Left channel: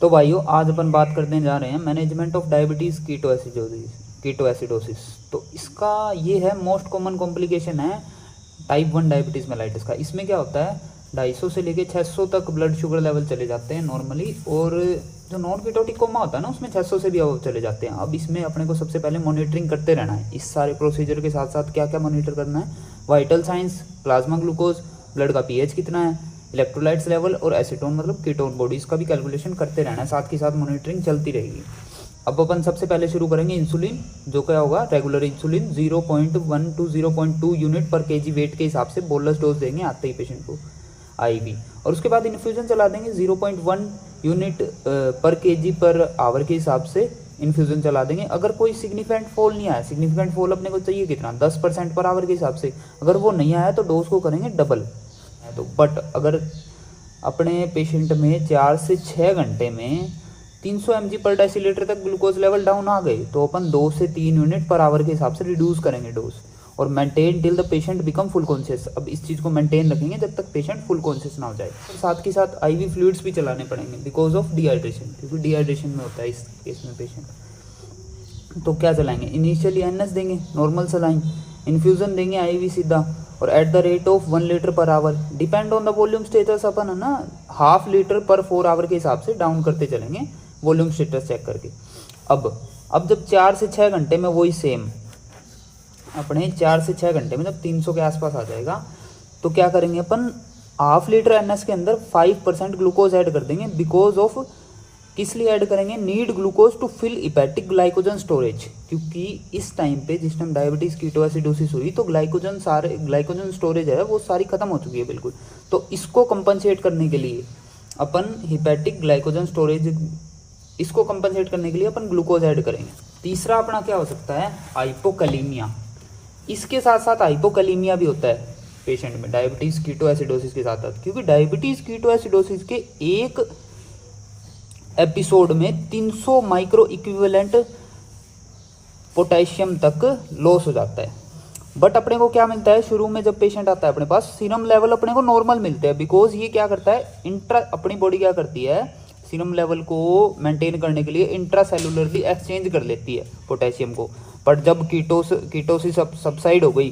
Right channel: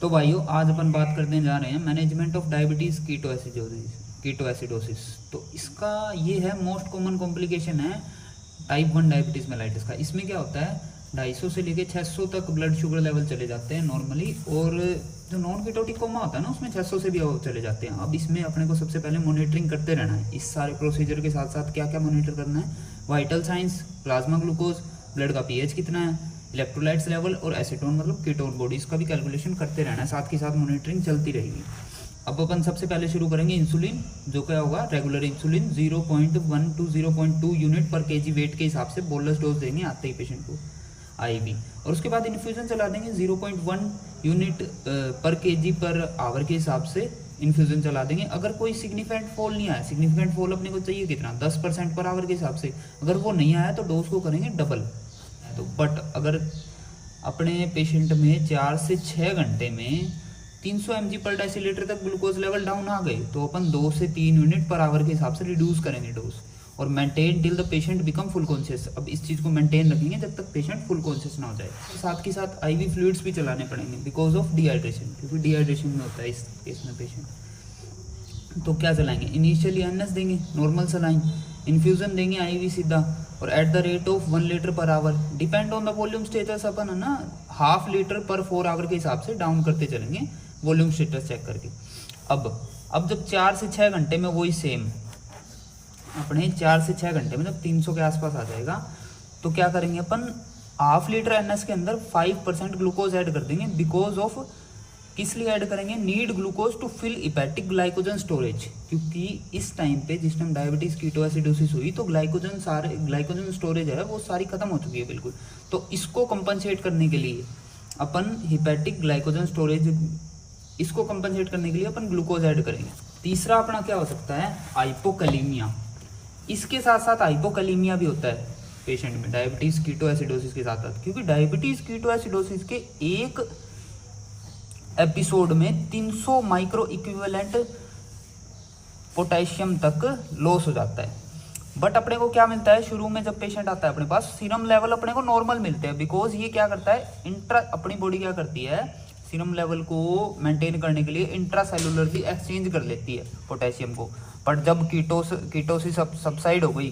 तो भाइयों आज अपन बात करने जा रहे हैं management of diabetes ketoacidosis. तो इसका ये है मोस्ट कॉमन कॉम्प्लिकेशन है टाइप 1 डायबिटीज़ मेलाइटिस का। इसमें क्या होता है 250 से लेके 600 तक ब्लड शुगर लेवल चले जाते हैं नॉर्मली, और जो नॉन कीटोटिक कोमा होता है ना उसमें 600 से भी चले जाते हैं। अब इसमें अपने को सबसे पहले मॉनिटरिंग करते रहना है। इस सारे प्रोसीजर के साथ साथ क्या क्या मॉनिटर करना है, vital science, plasma glucose, blood का पीएच कितना है, इलेक्ट्रोलाइट्स लेवल और एसीटोन मतलब कीटोन बॉडीज का भी कैलकुलेशन करते रहना है। साथ के साथ मॉनिटरिंग चलती रहेगी। अब अपन सबसे पहले शुरू करेंगे इंसुलिन, जो क्या होगा रेगुलर इंसुलिन 0.1 टू 0.2 यूनिट पर केजी वेट के हिसाब से बोलस डोज देंगे आते ही पेशेंट को आईवी, और उसके बाद इन्फ्यूजन चला देंगे 0.1 यूनिट पर केजी पर आवर के हिसाब से इन्फ्यूजन चला देंगे। अगर कोई सिग्निफिकेंट फॉल नहीं आया, सिग्निफिकेंट फॉल अपने को चाहिए कितना 10% पर आवर के हिसाब से, अगर वो नहीं आया तो डोज को करेंगे डबल। तो बट अगर अपने पेशेंट में 4 से 6 घंटे में 300 mg पर डेसीलीटर तक ग्लूकोज लेवल डाउन आ गए तो अपन 2 से 3 यूनिट पर आवर के हिसाब से रिड्यूस करेंगे डोज, और maintain till the patient become full conscious. अब इस चीज़ को मेंटेन रखेंगे जब तक पेशेंट फुल कॉन्शियस ना हो जाए। साथ के साथ आईवी फ्लूइड्स भी चलाने पड़ेंगे बिकॉज ऑफ डिहाइड्रेशन, क्योंकि डिहाइड्रेशन में होता है इस केस में पेशेंट। तो क्या चलाएंगे, इनिशियली एनएस देंगे, नॉर्मल सलाइन, इन्फ्यूजन देंगे आईवी सीधा, और at the rate of 1 litre per hour. Depend on the volume status अपन है ना ½ लीटर पर 4 आवर के हिसाब से डाउन करते चलेंगे वॉल्यूम स्टेटस चेक करके। अब जब 4 से 6 घंटे में वही सेम अपने 4 से 6 घंटे में जब 300 के आसपास आ जाएगा तो क्या करेंगे अपन ½ लीटर एनएस के अंदर 5% ग्लूकोज ऐड कर देंगे। बिकॉज ऑफ किस लिए ऐड करेंगे, need glucose to fill hepatic glycogen storage, क्योंकि इस टाइम पे जिस टाइम डायबिटीज कीटोएसिडोसिस हुई तो ग्लाइकोजन स्टोरेज है वो सारी खत्म हो चुकी है बिल्कुल। तो इसको कंपनसेट करने के लिए अपन हिपैटिक ग्लाइकोजन स्टोरेज, इसको कंपनसेट करने के लिए अपन ग्लूकोज ऐड करेंगे। तीसरा अपना क्या हो सकता है, हाइपोकैलीमिया। इसके साथ साथ हाइपोकैलीमिया भी होता है पेशेंट में डायबिटीज कीटोएसिडोसिस के साथ साथ, क्योंकि डायबिटीज कीटोएसिडोसिस के एक एपिसोड में 300 माइक्रो इक्विवेलेंट पोटेशियम तक लॉस हो जाता है। बट अपने को क्या मिलता है, शुरू में जब पेशेंट आता है अपने पास सीरम लेवल अपने को नॉर्मल मिलते हैं, बिकॉज ये क्या करता है अपनी बॉडी क्या करती है, सीरम लेवल को मेंटेन करने के लिए इंट्रासेलुलरली एक्सचेंज कर लेती है पोटेशियम को। बट जब कीटोसिस सबसाइड हो गई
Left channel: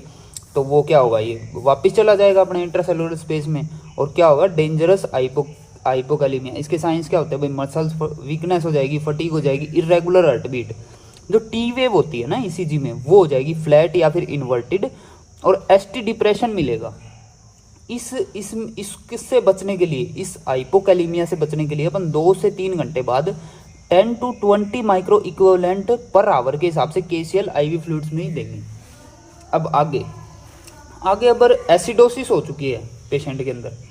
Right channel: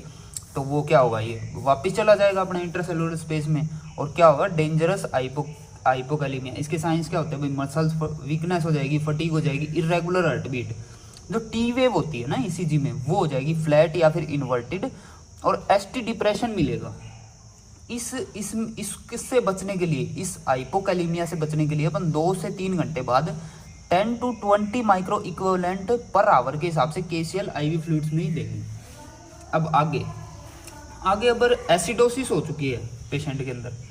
तो वो क्या होगा, ये वापस चला जाएगा अपने इंट्रासेलुलर स्पेस में, और क्या होगा डेंजरस हाइपोकैलीमिया। इसके साइंस क्या होते हैं भाई, मसल्स वीकनेस हो जाएगी, फटीग हो जाएगी, इरेगुलर हार्ट बीट, जो टी वेव होती है ना ईसीजी में वो हो जाएगी फ्लैट या फिर इन्वर्टेड, और एसटी डिप्रेशन मिलेगा। किससे बचने के लिए, इस हाइपोकैलीमिया से बचने के लिए अपन 2 से 3 घंटे बाद 10 to 20 micro equivalent per hour के हिसाब से केसीएल आईवी फ्लूइड्स में ही देंगे। अब आगे अगर एसिडोसिस हो चुकी है पेशेंट के अंदर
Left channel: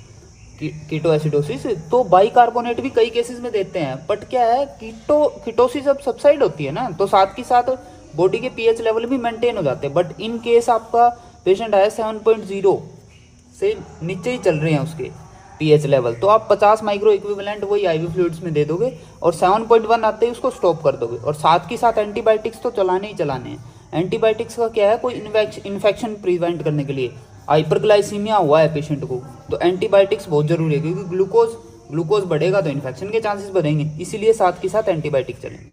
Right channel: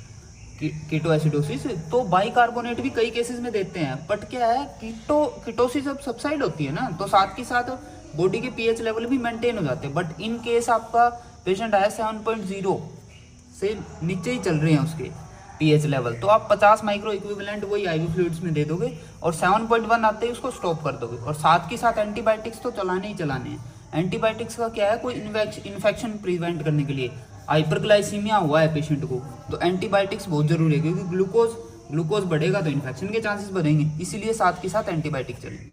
कीटोएसिडोसिस, तो बाइकार्बोनेट भी कई केसेस में देते हैं। बट क्या है, कीटोसिस अब सबसाइड होती है ना, तो साथ के साथ बॉडी के पीएच लेवल भी मेंटेन हो जाते हैं। बट इन केस आपका पेशेंट आया 7.0 से नीचे ही चल रहे हैं उसके पीएच लेवल, तो आप 50 माइक्रो इक्विवेलेंट वही आईवी फ्लूइड्स में दे दोगे, और 7.1 आते ही उसको स्टॉप कर दोगे। और साथ के साथ एंटीबायोटिक्स तो चलाने ही चलाने हैं। एंटीबायोटिक्स का क्या है, कोई इन्फेक्शन प्रिवेंट करने के लिए। हाइपरग्लाइसीमिया हुआ है पेशेंट को तो एंटीबायोटिक्स बहुत जरूरी है, क्योंकि ग्लूकोज बढ़ेगा तो इन्फेक्शन के चांसेस बढ़ेंगे, इसीलिए साथ के साथ एंटीबायोटिक चलेंगे।